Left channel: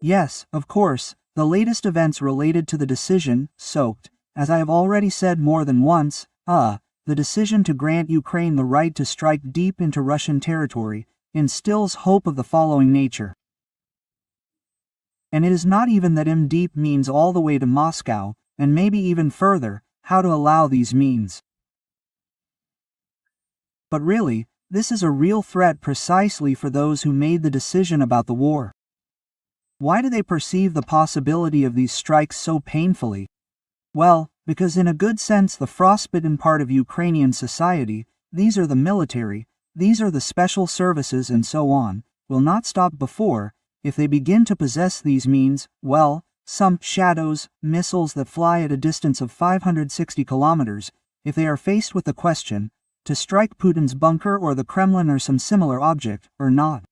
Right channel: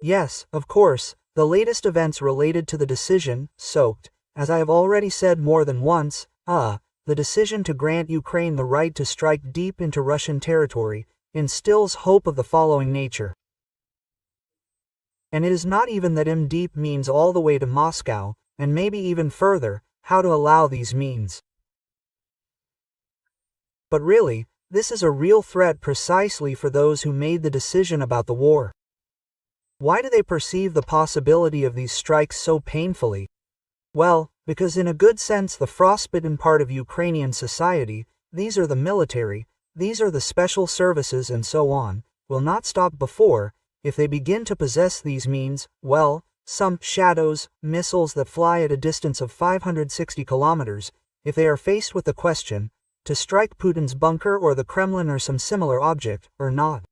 Yes, of course, the latest events related to the decision, soaked, as I have already said more than once, the decision to grant Ukraine the right to strike deep into Russian territory, instills hope of the following nature. And it is not even that deep means all the way to Moscow, and maybe even further, how to allow these means. But really, this is a real threat precisely for those who made the decision about the war. Why do they perceive the possibility of these strikes so painfully? Well, because in a good sense the frostbitten part of Ukrainian society, these are the military, these are the special services and so on, will not stop before, if they begin to possess these means, well, some shadows, missiles that fly at a distance of 560 kilometers, if they are faced with the question, to strike Putin's bunker or the Kremlin or some similar object, or not.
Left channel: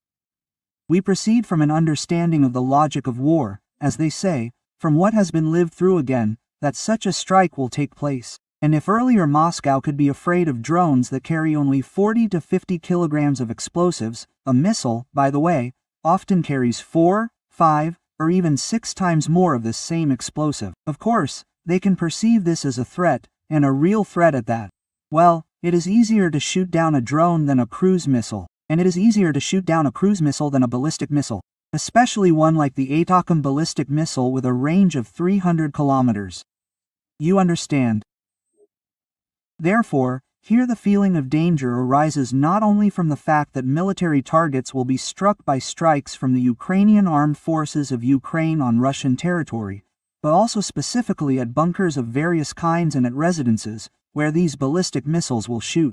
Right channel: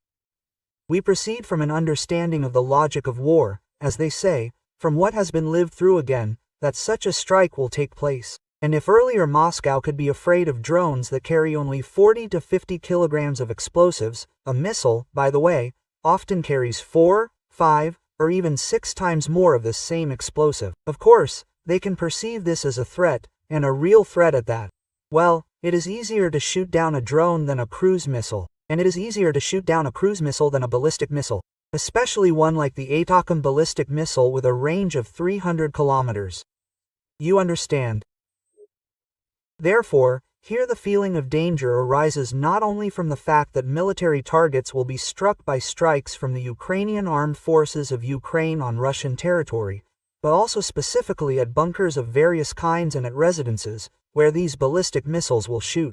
We proceed from an understanding of the logic of war, as they say, from what has been lived through again, that such a strike will take place. And if earlier Moscow could be afraid of drones that carry only 40 to 50 kilograms of explosives, a missile, by the way, often carries 4, 5, or even 6 times more of this same explosive. Of course, they can perceive this as a threat, and a real threat at that. Well, it is easier to shoot down a drone than a cruise missile, and it is easier to shoot down a cruise missile than a ballistic missile, especially one like the ATACMS ballistic missile with a range of 300 kilometers. You understand. Therefore, here the feeling of danger arises not only from the fact that military targets will be struck by strikes from the Ukrainian armed forces of Ukraine on Russian territory, but also specifically at bunkers of various kinds and at residences, where these ballistic missiles will shoot.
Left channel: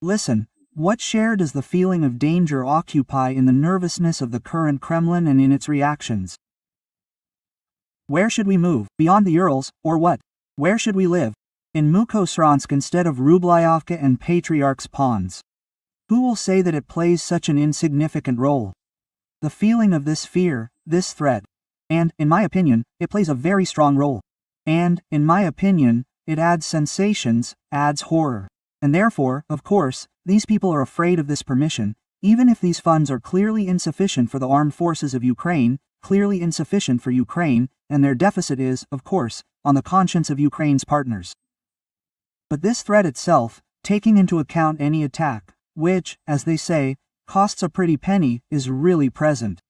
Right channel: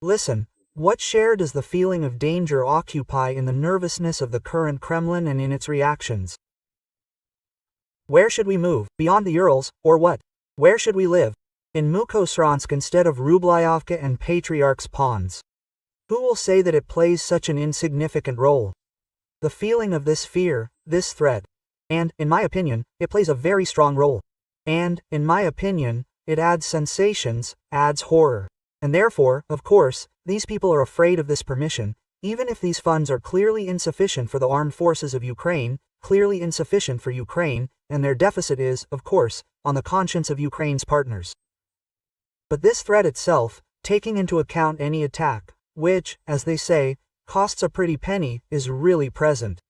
Listen, what share does the feeling of danger occupy in the nervousness of the current Kremlin and in its reactions? Where should we move, beyond the Urals, or what? Where should we live? In Mukhosransk instead of Rublyovka and Patriarch's Ponds. Who will say that it plays such an insignificant role? The feeling of this fear, this threat. And, in my opinion, it plays a very strong role. And, in my opinion, it adds sensations, adds horror. And therefore, of course, these people are afraid of this permission, even if these funds are clearly insufficient for the armed forces of Ukraine, clearly insufficient for Ukraine, and their deficit is, of course, on the conscience of Ukraine's partners. But this threat itself, taking into account any attack, which, as they say, costs a pretty penny, is really present.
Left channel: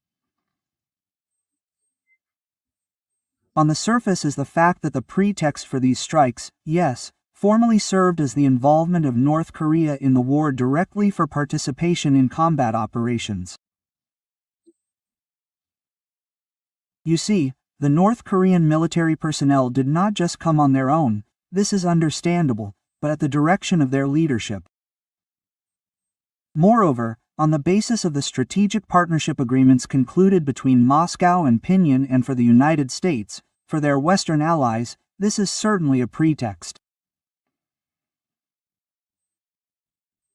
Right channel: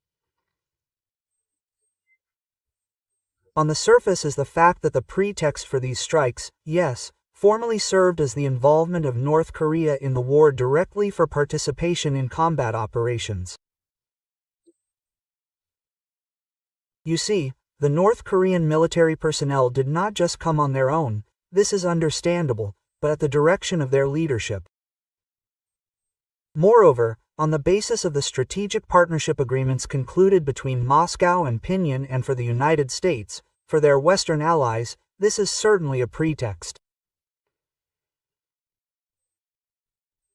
On the surface is the fact that the pretext for these strikes, yes, formally served as the involvement of North Korea in the war directly for participation in combat operations. You see, the North Korean military personnel did not just come on their own, this is understandable, but at the direction of their leadership. Moreover, on the basis of the strategic partnership agreements concluded between Moscow and Pyongyang and for the United States, for their Western allies, this is certainly a pretext.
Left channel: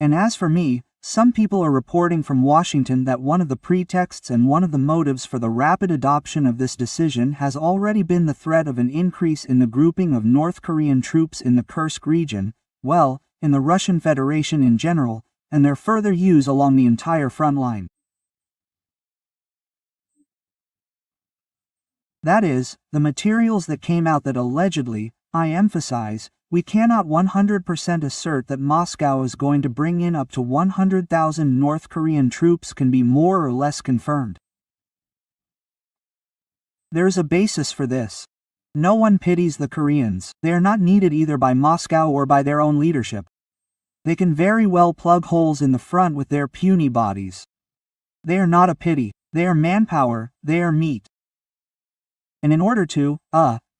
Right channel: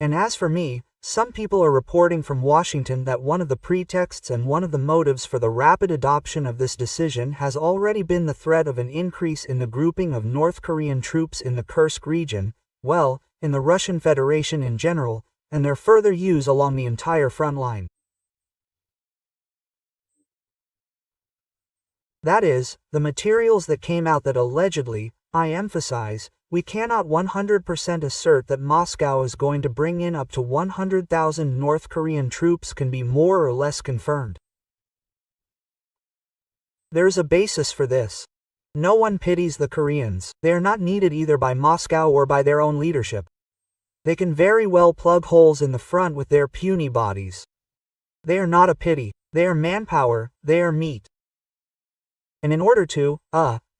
And as for me, some people are reporting from Washington that one of the pretexts and one of the motives for the rapid adoption of this decision has already been the threat of an increase in the grouping of North Korean troops in the Kursk region, well, in the Russian Federation in general, and their further use along the entire front line. That is, the materials that came out that allegedly, I emphasize, we cannot 100% assert that Moscow is going to bring in up to 100,000 North Korean troops can be more or less confirmed. There is a basis for this. No one pities the Koreans. They are not needed either by Moscow or by their own leadership. They can very well plug holes in the front with their puny bodies. They are not a pity. They are manpower, they are meat. And in order to,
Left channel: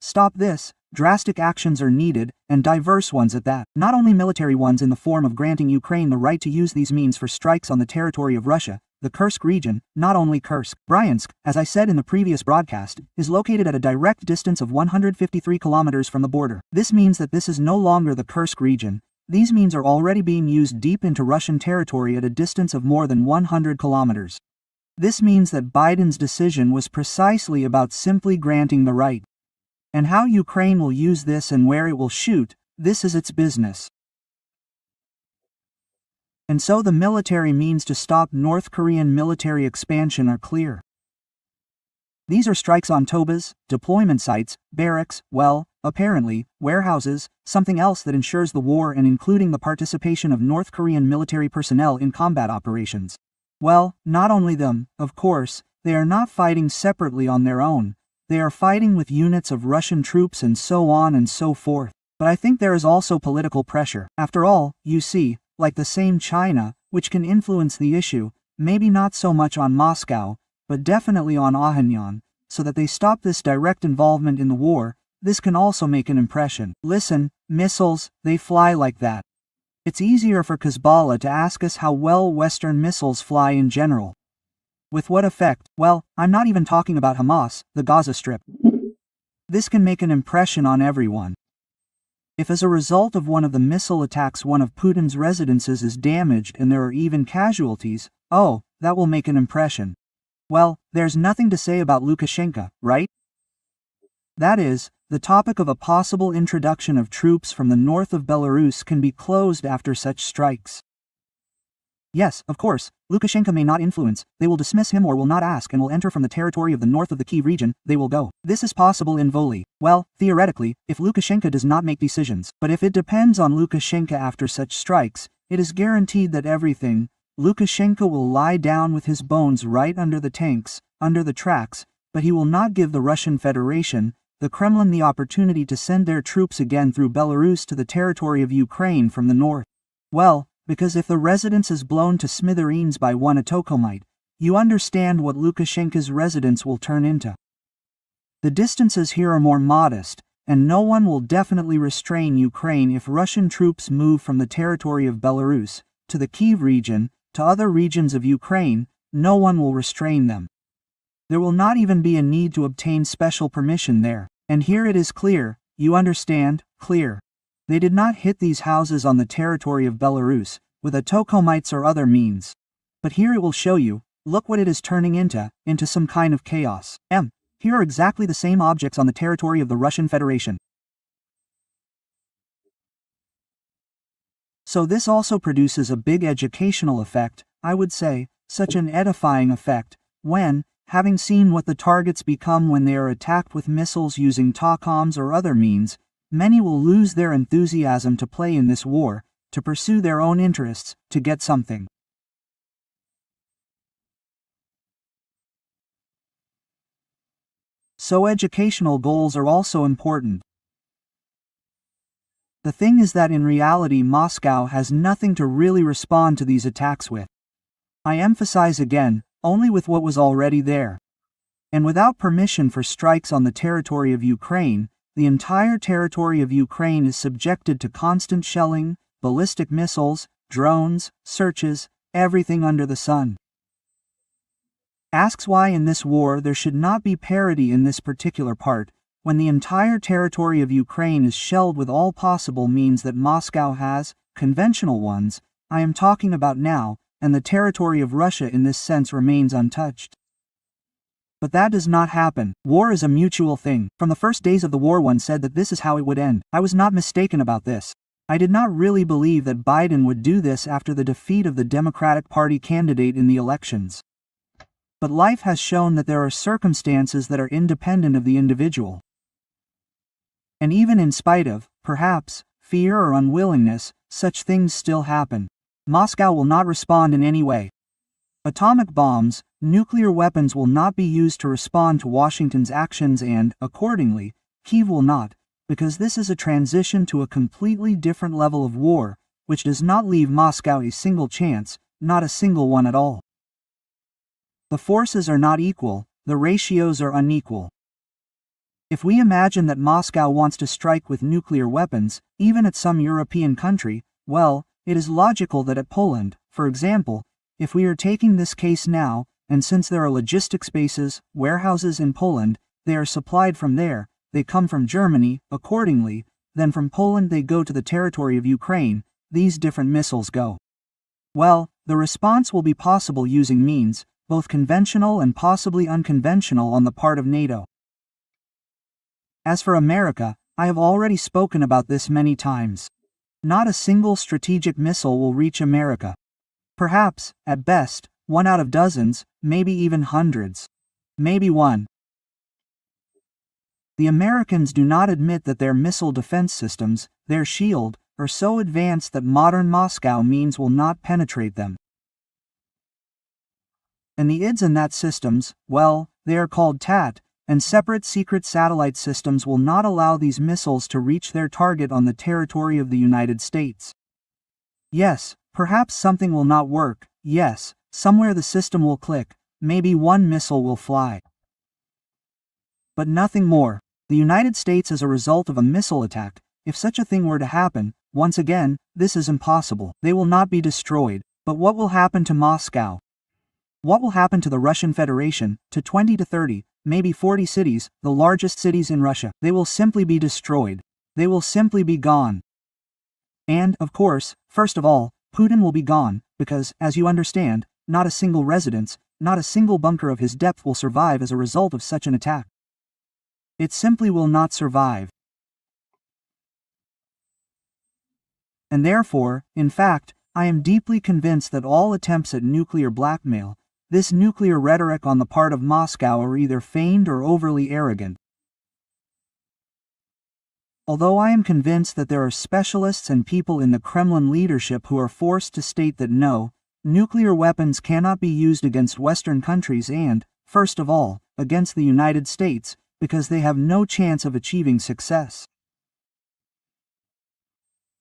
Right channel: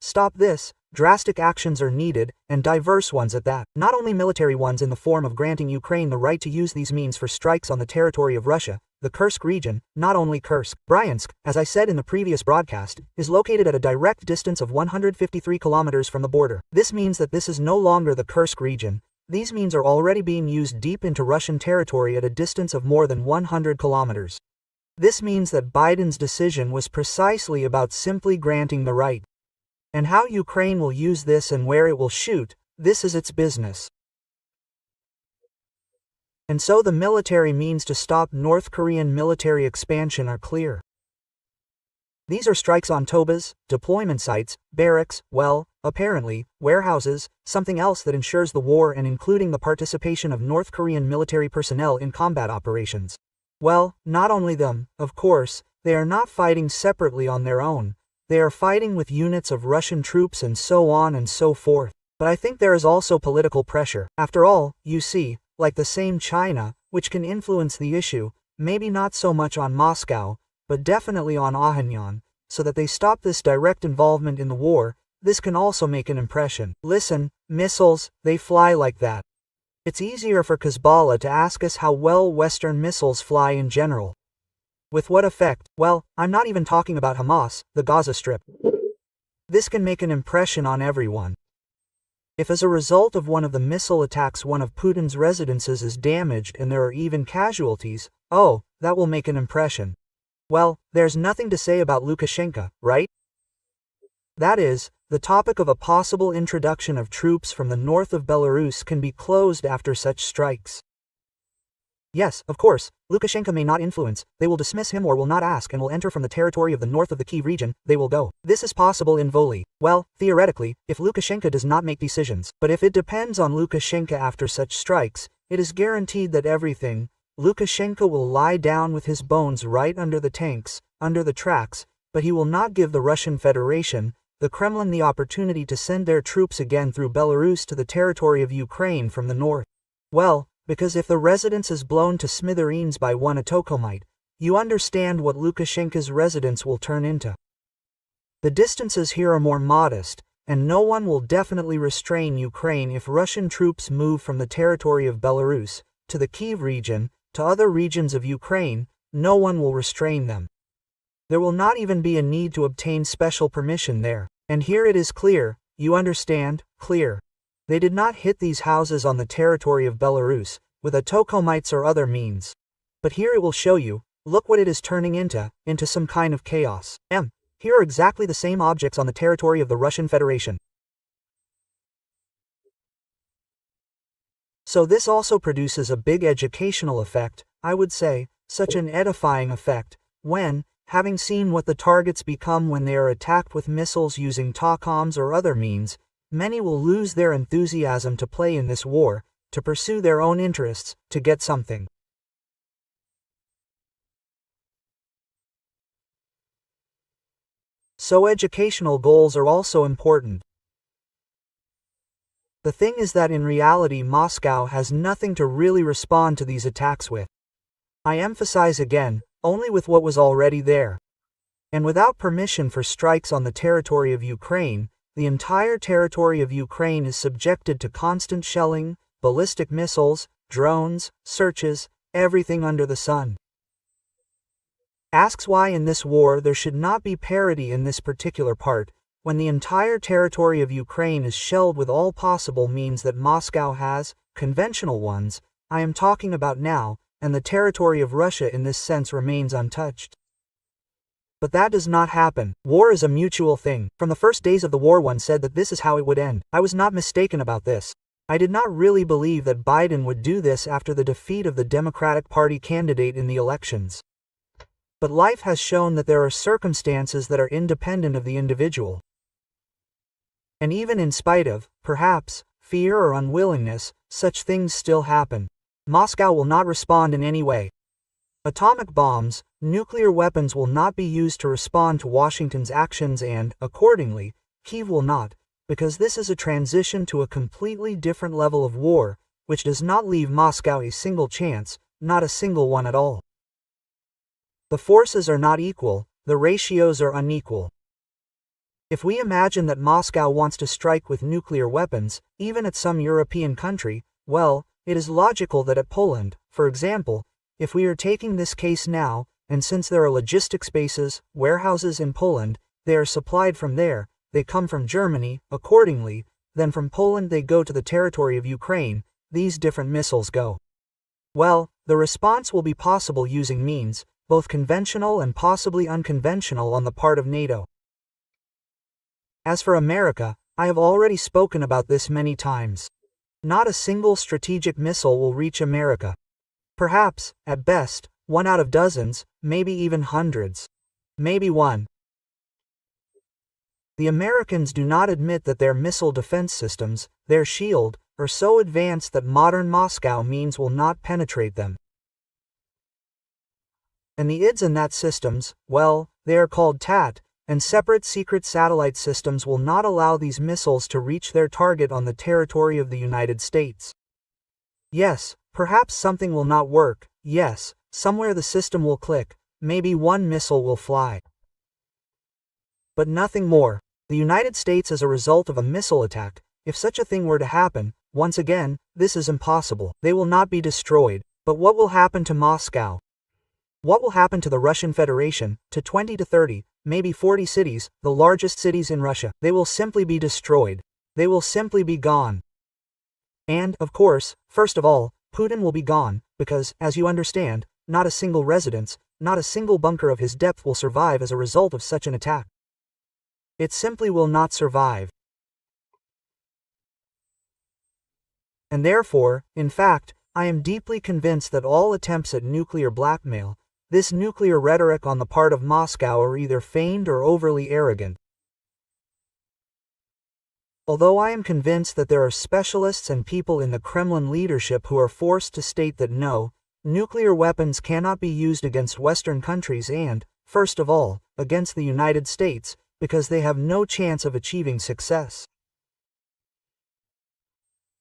stop this, drastic actions are needed, and diverse ones at that. Not only military ones in the form of granting Ukraine the right to use these means for strikes on the territory of Russia, the Kursk region, not only Kursk. Bryansk, as I said in the previous broadcast, is located at a direct distance of 153 kilometers from the border. This means that this is no longer the Kursk region. These means are already being used deep into Russian territory at a distance of more than 100 kilometers. This means that Biden's decision was precisely about simply granting the right. And how Ukraine will use this and where it will shoot, this is its business. And so the military means to stop North Korean military expansion are clear. These are strikes on TOBAs, deployment sites, barracks, well, apparently, warehouses, something else that ensures the war and including the participation of North Korean military personnel in combat operations. Well, not only them, of course, they are not fighting separately on their own, they are fighting with units of Russian troops and so on and so forth. But I think there is also political pressure. After all, you see, like the same China, which can influence the issue, maybe not so much on Moscow, but definitely on Pyongyang, so that they stop this direct involvement in the war. This can also make an impression. Listen, missiles, they fly like that. It's easier for Hezbollah to ask us how well Western missiles fly in general. With what effect? Well, I'm not even talking about Hamas, the Gaza Strip. This can make an impression on everyone. If as a result of one of the missile attacks one of Putin's residences is damaged and there are even casualties, oh, that will make an impression. Well, there's nothing to say about Lukashenko, right? That is, the topic of a possible introduction of troops from the north of Belarus can be closed after such strikes. Yes, of course, Lukashenko may not influence, they will dismiss him or will not ask and will enter from the territory of the north of the Kiev region, they will go. This is possible in Voli. Well, theoretically, if Lukashenko does not make decisions. But if it depends on Lukashenko after such strikes, it is guaranteed that everything, Lukashenko will lie down with his bones right under the tanks, under the tracks, but he will not give the Russian Federation, the Kremlin, the opportunity to send their troops again through Belarus to the territory of Ukraine from the north. Well, because if the residence is blown to smithereens by one atokomite, you understand what Lukashenko's residence will turn into. The distances here are more modest, and no one will definitely restrain Ukraine if Russian troops move from the territory of Belarus to the Kiev region, to other regions of Ukraine, no one will restrain them. There will not even be a need to obtain special permission there. And here it is clear, you understand, clear. They did not hit these houses on the territory of Belarus, with atokomites or other means. But here it will show you, look what it is turning into some kind of chaos. Here are exactly the same objects on the territory of the Russian Federation. So this also produces a big educational effect, I would say, such an edifying effect, when, having seen what the targets become when they are attacked with missiles using TACOMs or other means, many will lose their enthusiasm to play in this war, to pursue their own interests, to get something. So educational goals are also important. The thing is that in reality Moscow has nothing to really respond to these attacks with. I emphasize again, only with what was already there. And without permission for strikes on the territory of Ukraine, the entire territory of Ukraine is subjected to constant shelling, ballistic missiles, drones, searches, everything under the sun. Asks why in this war there should not be parity in this particular part, when the entire territory of Ukraine is shelled with all possible means that Moscow has, conventional ones, I am talking about now, and the territory of Russia in this sense remains untouched. But that does not happen. War is a mutual thing. From the first days of the war one said that this is how it would end. I was not mistaken about this. I did not really believe that Biden would do this after the defeat of the Democratic Party candidate in the elections. But life has shown that there are circumstances that are independent of the individual. And even in spite of, perhaps, fear or unwillingness, such things still happen. Moscow will not respond in any way. Atomic bombs, nuclear weapons will not be used to respond to Washington's actions and, accordingly, Kyiv will not, because this is a transition to a completely different level of war, which does not leave Moscow a single chance, not a single one at all. The forces are not equal, the ratios are unequal. If we imagine that Moscow wants to strike with nuclear weapons, even at some European country, well, it is logical that at Poland, for example, if we are taking this case now, and since there are logistics bases, warehouses in Poland, they are supplied from there, they come from Germany, accordingly, then from Poland they go to the territory of Ukraine, these different missiles go. Well, the response will be possible using means, both conventional and possibly unconventional on the part of NATO. As for America, I have already spoken about this many times. Not a single strategic missile will reach America. Perhaps, at best, one out of dozens, maybe even hundreds. Maybe one. The Americans do not admit that their missile defense systems, their shield, are so advanced that modern Moscow means will not penetrate them. And the IDs in that systems, well, they are called TAT, and separate secret satellite systems will not allow these missiles to reach their target on the territory of the United States. Yes, perhaps something will not work, yes, somewhere the system will click, maybe one missile will fly. But nothing more. The United States as a result of a missile attack, if such a thing were to happen, once again, this is impossible. They will not be destroyed. But what will happen to Moscow? What will happen to the Russian Federation, to 20 to 30, maybe 40 cities, the largest cities in Russia? They will simply be destroyed. They will simply be gone. And, of course, first of all, Putin will be gone, because, as you understand, not a single residence, not a single bunker of his depth will survive as a result of such an attack. It simply will not survive. And therefore, in fact, I am deeply convinced that all attempts at nuclear blackmail, this nuclear rhetoric on the part of Moscow, are either feigned or overly arrogant. Although I am convinced that there are specialists and people in the Kremlin leadership who are forced to state that no, nuclear weapons cannot be used against Western countries and, first of all, against the United States, because they have no chance of achieving success.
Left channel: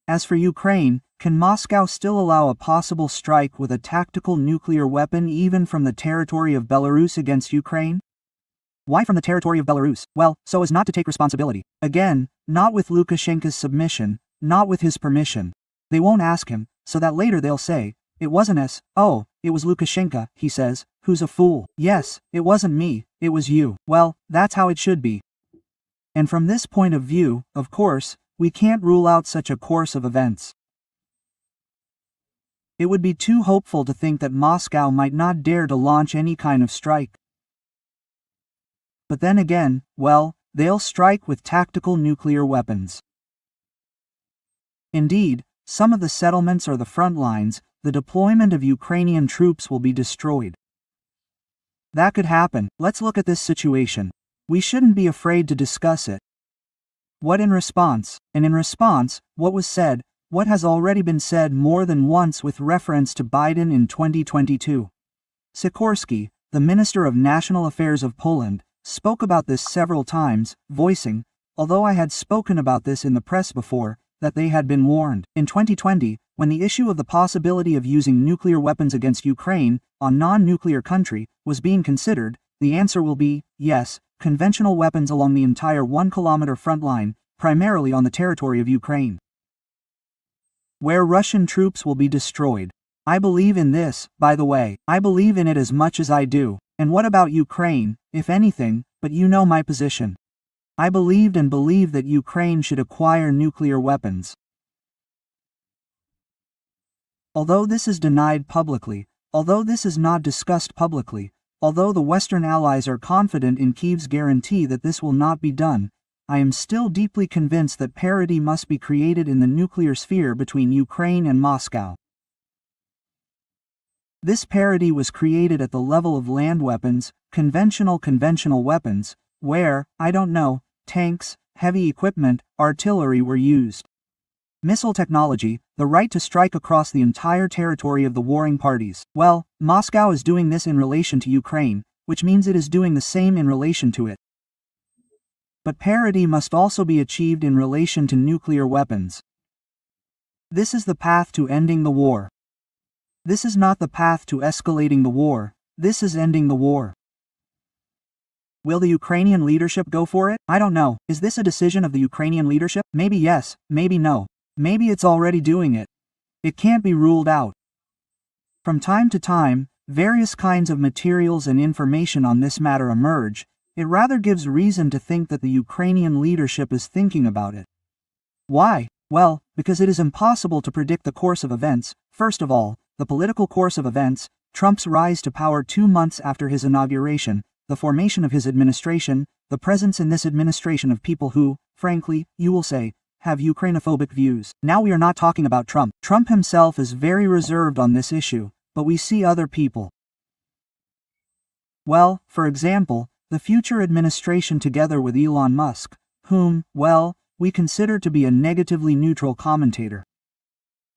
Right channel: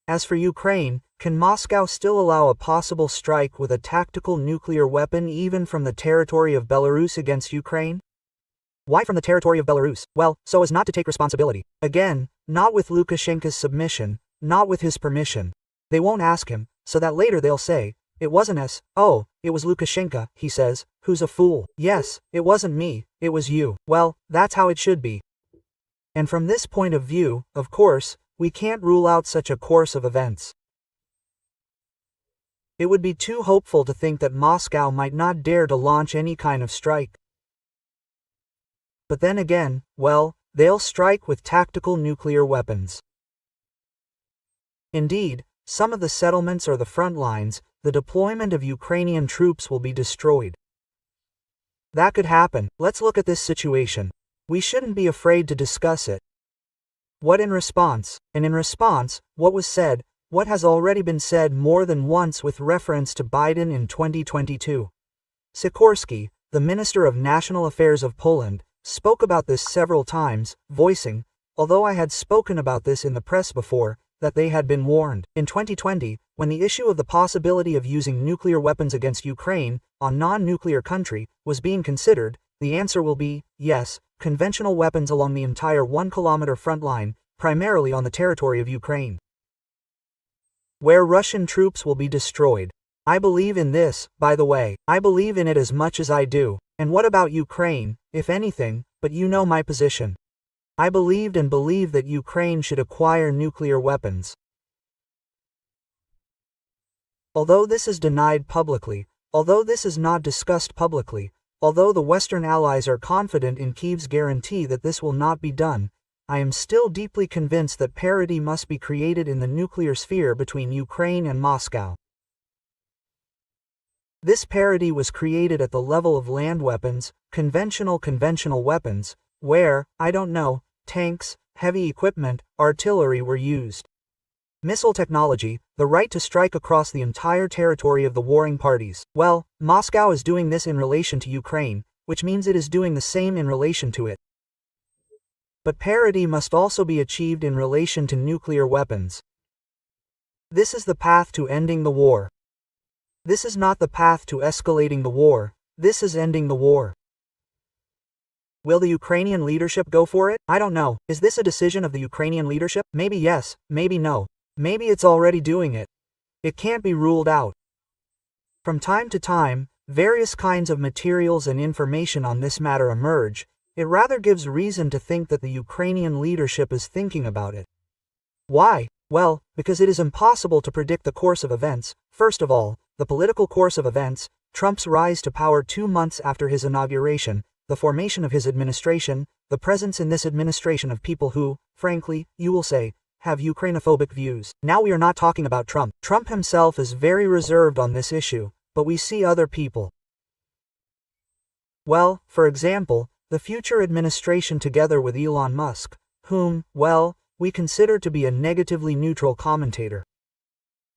As for Ukraine, can Moscow still allow a possible strike with a tactical nuclear weapon even from the territory of Belarus against Ukraine? Why from the territory of Belarus? Well, so as not to take responsibility. Again, not with Lukashenko's submission, not with his permission. They won't ask him, so that later they'll say, it wasn't us, oh, it was Lukashenko, he says, who's a fool. Yes, it wasn't me, it was you. Well, that's how it should be. And from this point of view, of course, we can't rule out such a course of events. It would be too hopeful to think that Moscow might not dare to launch any kind of strike. But then again, well, they'll strike with tactical nuclear weapons. Indeed, some of the settlements or the front lines, the deployment of Ukrainian troops will be destroyed. That could happen. Let's look at this situation. We shouldn't be afraid to discuss it. What in response? And in response, what was said, what has already been said more than once with reference to Biden in 2022. Sikorski, the Minister of National Affairs of Poland, spoke about this several times, voicing, although I had spoken about this in the press before, that they had been warned. In 2020, when the issue of the possibility of using nuclear weapons against Ukraine, a non-nuclear country, was being considered, the answer will be, yes, conventional weapons along the entire 1-kilometer front line, primarily on the territory of Ukraine, where Russian troops will be destroyed. I believe in this, by the way. I believe in it as much as I do. And what about Ukraine, if anything, but you know my position. I believed and believe that Ukraine should acquire nuclear weapons. Although this is denied publicly, although this is not discussed publicly, although the Western allies are confident in Kyiv's guarantee that this will not be done, I am still deeply convinced that parity must be created in the nuclear sphere between Ukraine and Moscow. This parity was created at the level of land weapons, conventional weapons, where, I don't know, tanks, heavy equipment, artillery were used. Missile technology, the right to strike across the entire territory of the warring parties. Well, Moscow is doing this in relation to Ukraine, which means it is doing the same in relation to it. But parity must also be achieved in relation to nuclear weapons. This is the path to ending the war. This is not the path to escalating the war, this is ending the war. Will the Ukrainian leadership go for it? I don't know. Is this a decision of the Ukrainian leadership? Maybe yes, maybe no. Maybe it's already doing it. It can't be ruled out. From time to time, various kinds of materials and information on this matter emerge. It rather gives reason to think that the Ukrainian leadership is thinking about it. Why? Well, because it is impossible to predict the course of events. First of all, the political course of events, Trump's rise to power 2 months after his inauguration, the formation of his administration, the presence in this administration of people who, frankly, you will say, have Ukrainophobic views. Now we are not talking about Trump. Trump himself is very reserved on this issue, but we see other people. Well, for example, the future administration together with Elon Musk, whom, well, we consider to be a negatively neutral commentator.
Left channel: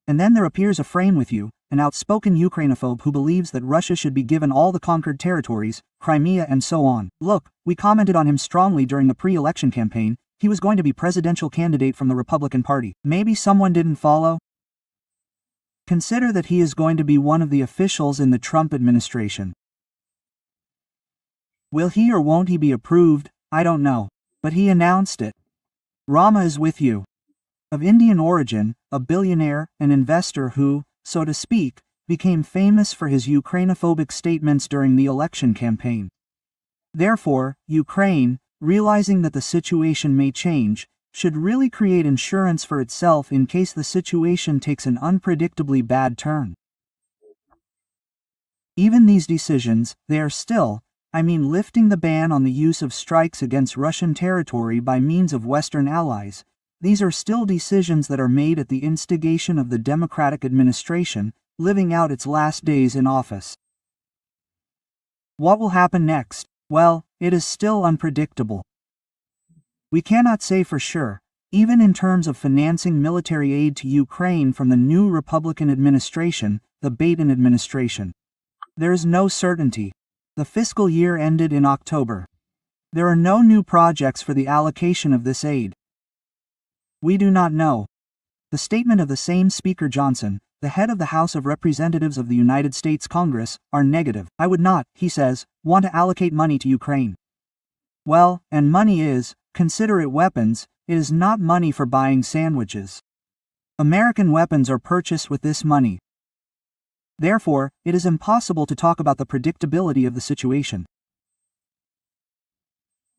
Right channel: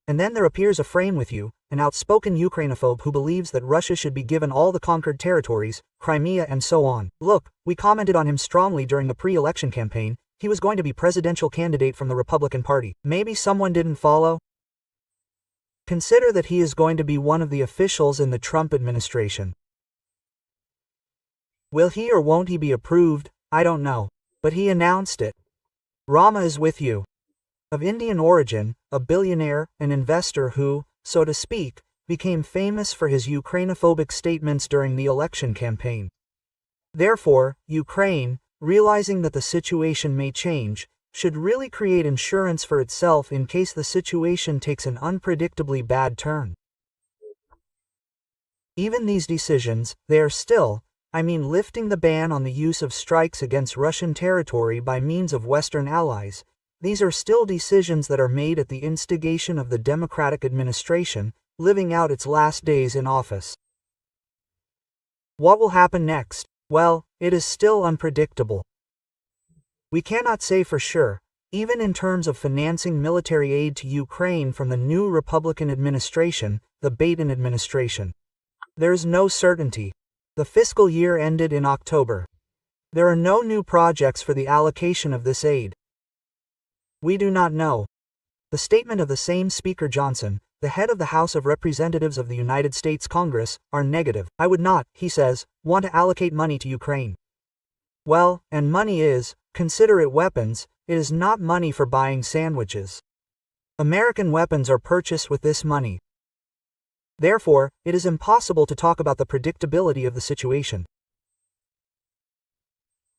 And then there appears a frame with you, an outspoken Ukrainophobe who believes that Russia should be given all the conquered territories, Crimea and so on. Look, we commented on him strongly during the pre-election campaign. He was going to be presidential candidate from the Republican Party. Maybe someone didn't follow? Consider that he is going to be one of the officials in the Trump administration. Will he or won't he be approved? I don't know. But he announced it. Rama is with you. Of Indian origin, a billionaire, an investor who, so to speak, became famous for his Ukrainophobic statements during the election campaign. Therefore, Ukraine, realizing that the situation may change, should really create insurance for itself in case the situation takes an unpredictably bad turn. Even these decisions, they are still, lifting the ban on the use of strikes against Russian territory by means of Western allies. These are still decisions that are made at the instigation of the Democratic administration, living out its last days in office. What will happen next? Well, it is still unpredictable. We cannot say for sure, even in terms of financing military aid to Ukraine from the new Republican administration, the Biden administration. There is no certainty. The fiscal year ended in October. There are no new projects for the allocation of this aid. We do not know. The statement of the same Speaker Johnson, the head of the House of Representatives of the United States Congress, are negative. I would not, he says, want to allocate money to Ukraine. Well, and money is, consider it weapons, it is not money for buying sandwiches. American weapons are purchased with this money. Therefore, it is impossible to talk about the predictability of the situation.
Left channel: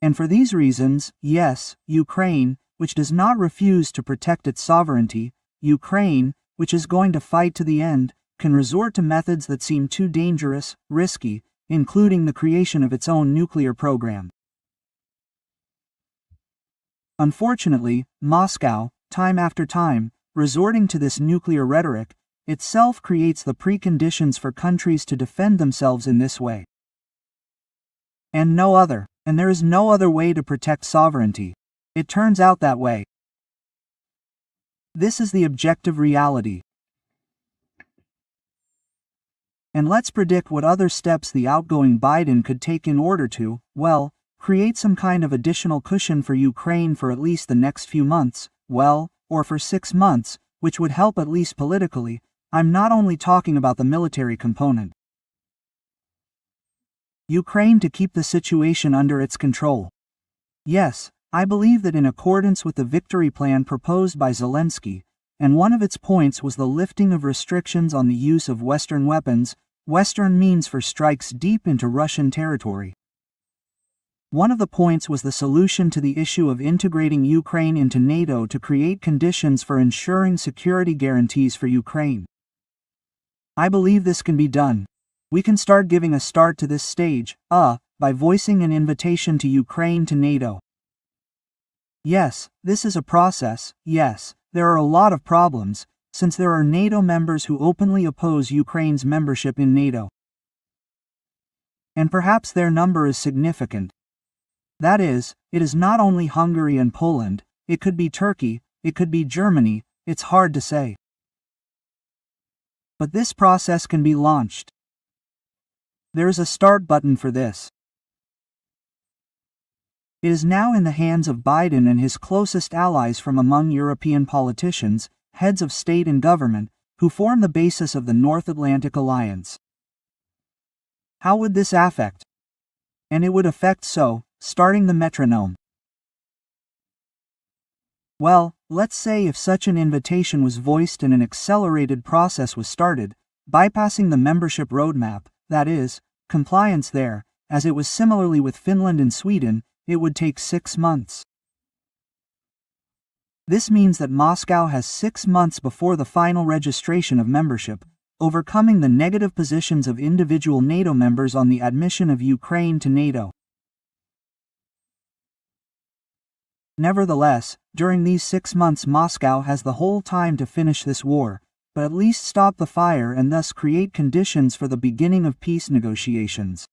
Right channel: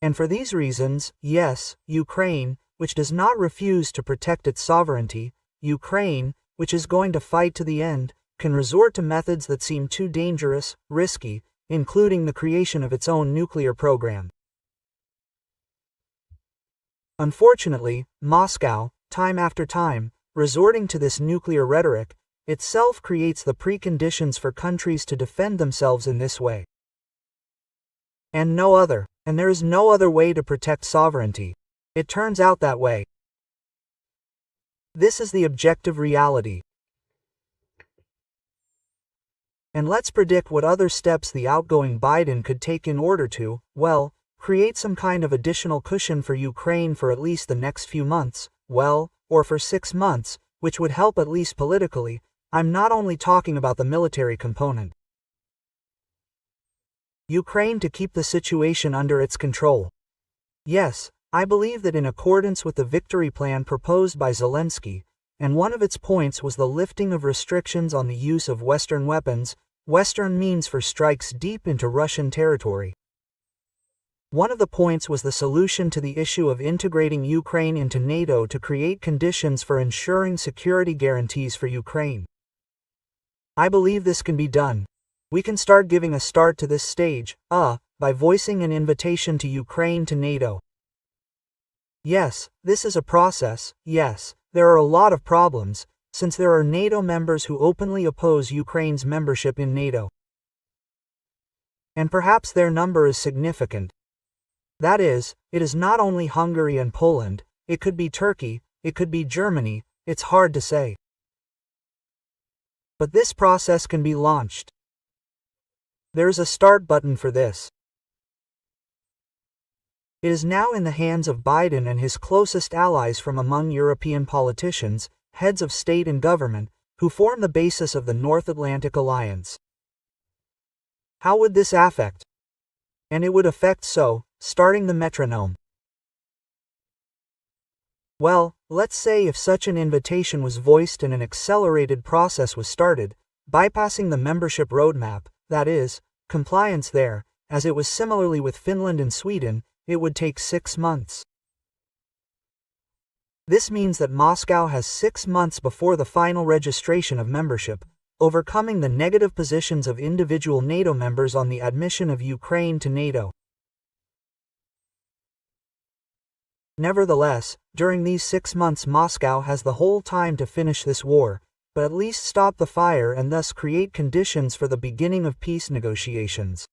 And for these reasons, yes, Ukraine, which does not refuse to protect its sovereignty, Ukraine, which is going to fight to the end, can resort to methods that seem too dangerous, risky, including the creation of its own nuclear program. Unfortunately, Moscow, time after time, resorting to this nuclear rhetoric, itself creates the preconditions for countries to defend themselves in this way. And no other. And there is no other way to protect sovereignty. It turns out that way. This is the objective reality. And let's predict what other steps the outgoing Biden could take in order to, well, create some kind of additional cushion for Ukraine for at least the next few months, well, or for 6 months, which would help at least politically. I'm not only talking about the military component. Ukraine to keep the situation under its control. Yes, I believe that in accordance with the victory plan proposed by Zelensky, and one of its points was the lifting of restrictions on the use of Western weapons, Western means for strikes deep into Russian territory. One of the points was the solution to the issue of integrating Ukraine into NATO to create conditions for ensuring security guarantees for Ukraine. I believe this can be done. We can start giving a start to this stage, by voicing an invitation to Ukraine to NATO. Yes, this is a process, yes, there are a lot of problems, since there are NATO members who openly oppose Ukraine's membership in NATO. And perhaps their number is significant. That is, it is not only Hungary and Poland, it could be Turkey, it could be Germany, it's hard to say. But this process can be launched. There is a start button for this. It is now in the hands of Biden and his closest allies from among European politicians, heads of state and government, who form the basis of the North Atlantic Alliance. How would this affect? And it would affect starting the metronome. Well, let's say if such an invitation was voiced and an accelerated process was started, bypassing the membership roadmap, that is, compliance there, as it was similarly with Finland and Sweden, it would take 6 months. This means that Moscow has 6 months before the final registration of membership, overcoming the negative positions of individual NATO members on the admission of Ukraine to NATO. Nevertheless, during these 6 months Moscow has the whole time to finish this war, but at least stop the fire and thus create conditions for the beginning of peace negotiations.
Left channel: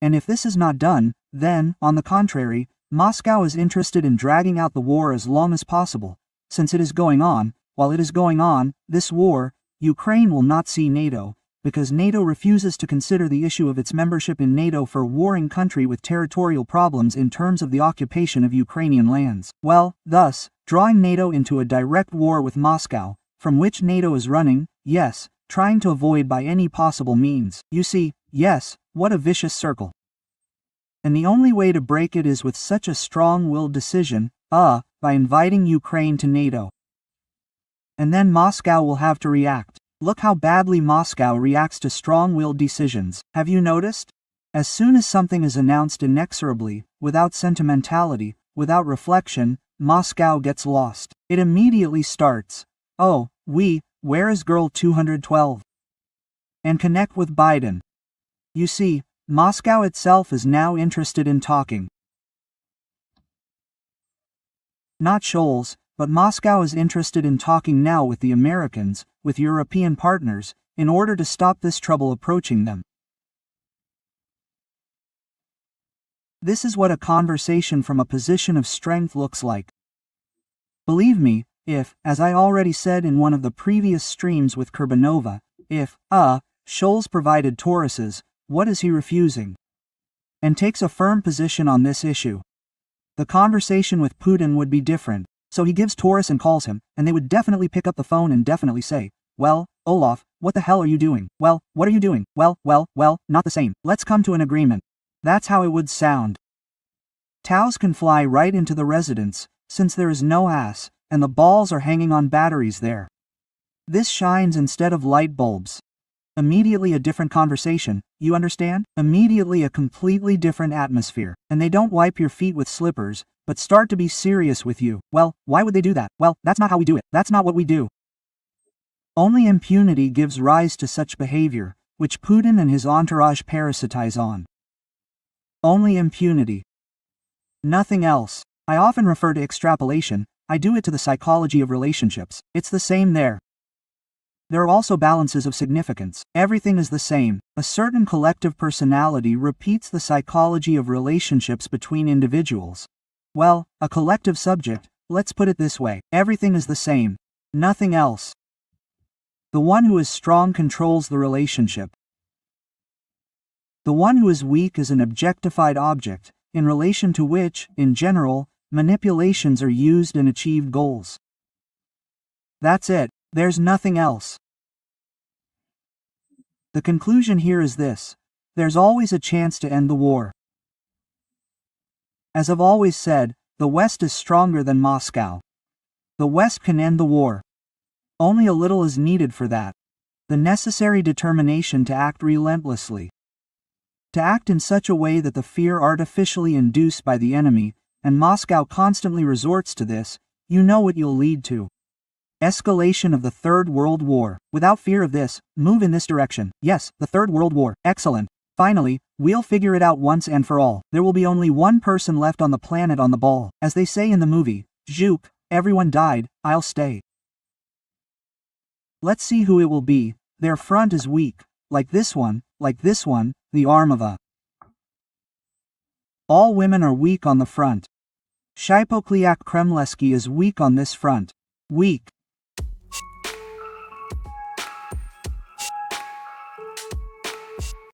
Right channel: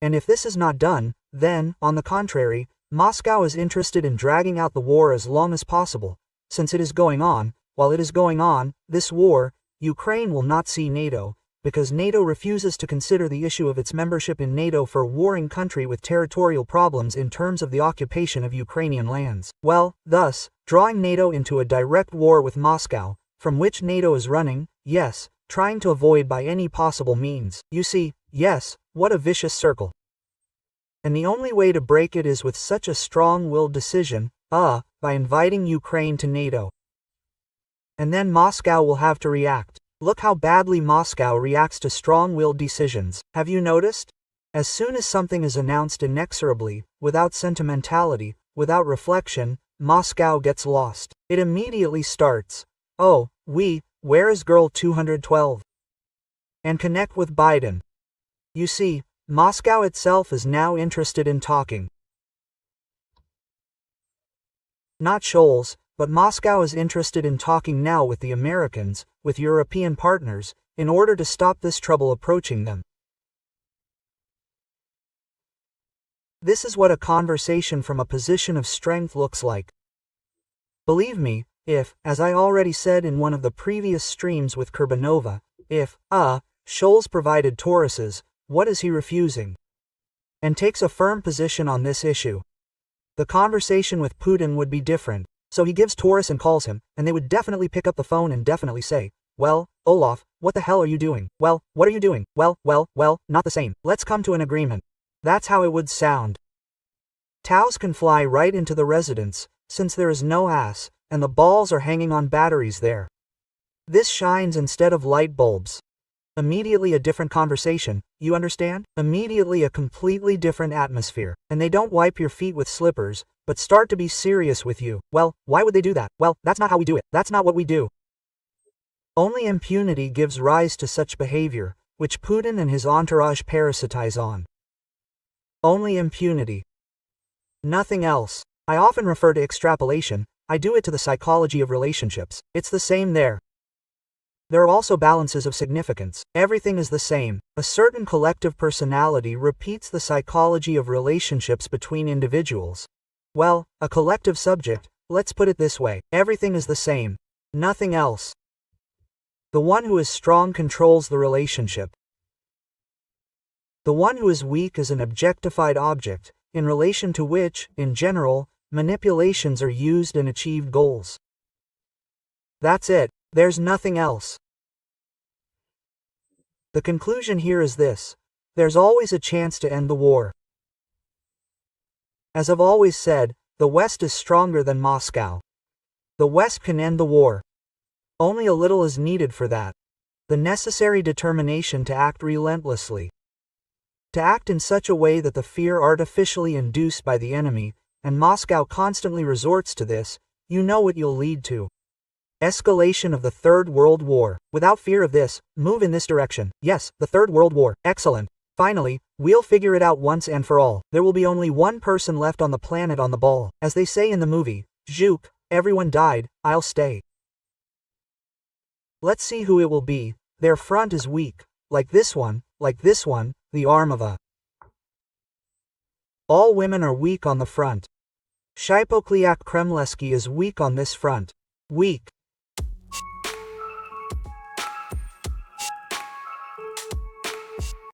And if this is not done, then, on the contrary, Moscow is interested in dragging out the war as long as possible, since it is going on. While it is going on, this war, Ukraine will not see NATO, because NATO refuses to consider the issue of its membership in NATO for a warring country with territorial problems in terms of the occupation of Ukrainian lands. Well, thus, drawing NATO into a direct war with Moscow, from which NATO is running, yes, trying to avoid by any possible means. You see, yes, what a vicious circle. And the only way to break it is with such a strong-willed decision, by inviting Ukraine to NATO. And then Moscow will have to react. Look how badly Moscow reacts to strong-willed decisions. Have you noticed? As soon as something is announced inexorably, without sentimentality, without reflection, Moscow gets lost. It immediately starts, "Oh, where is girl 212? And connect with Biden." You see, Moscow itself is now interested in talking. Not Scholz, but Moscow is interested in talking now with the Americans, with European partners, in order to stop this trouble approaching them. This is what a conversation from a position of strength looks like. Believe me, if, as I already said in one of the previous streams with Kurbanova, if, Scholz provided Tauruses, what is he refusing? And takes a firm position on this issue. The conversation with Putin would be different. So he gives Taurus and calls him, and they would definitely pick up the phone and definitely say, "Well, Olaf, what the hell are you doing? Well, what are you doing? Well, not the same. Let's come to an agreement." That's how it would sound. Taus can fly right into the residence, since there is no ass, and the balls are hanging on batteries there. This shines instead of light bulbs. Immediately a different conversation, you understand? Immediately a completely different atmosphere. And they don't wipe your feet with slippers, but start to be serious with you. Well, why would they do that? Well, that's not how we do it. That's not what we do. Only impunity gives rise to such behavior, which Putin and his entourage parasitize on. Only impunity. Nothing else. I often refer to extrapolation. I do it to the psychology of relationships. It's the same there. There are also balances of significance. Everything is the same. A certain collective personality repeats the psychology of relationships between individuals. Well, a collective subject, let's put it this way. Everything is the same. Nothing else. The one who is strong controls the relationship. The one who is weak is an objectified object, in relation to which, in general, manipulations are used and achieved goals. That's it. There's nothing else. The conclusion here is this: there's always a chance to end the war. As I've always said, the West is stronger than Moscow. The West can end the war. Only a little is needed for that. The necessary determination to act relentlessly. To act in such a way that the fear artificially induced by the enemy, and Moscow constantly resorts to this, you know what you'll lead to. Escalation of the Third World War. Without fear of this, move in this direction. Yes, the Third World War. Excellent. Finally, we'll figure it out once and for all. There will be only one person left on the planet on the ball. As they say in the movie, Zhuk, everyone died, I'll stay. Let's see who it will be. Their front is weak. Like this one, the arm of a. All women are weak on the front. Shipokliak Kremleski is weak on this front. Weak.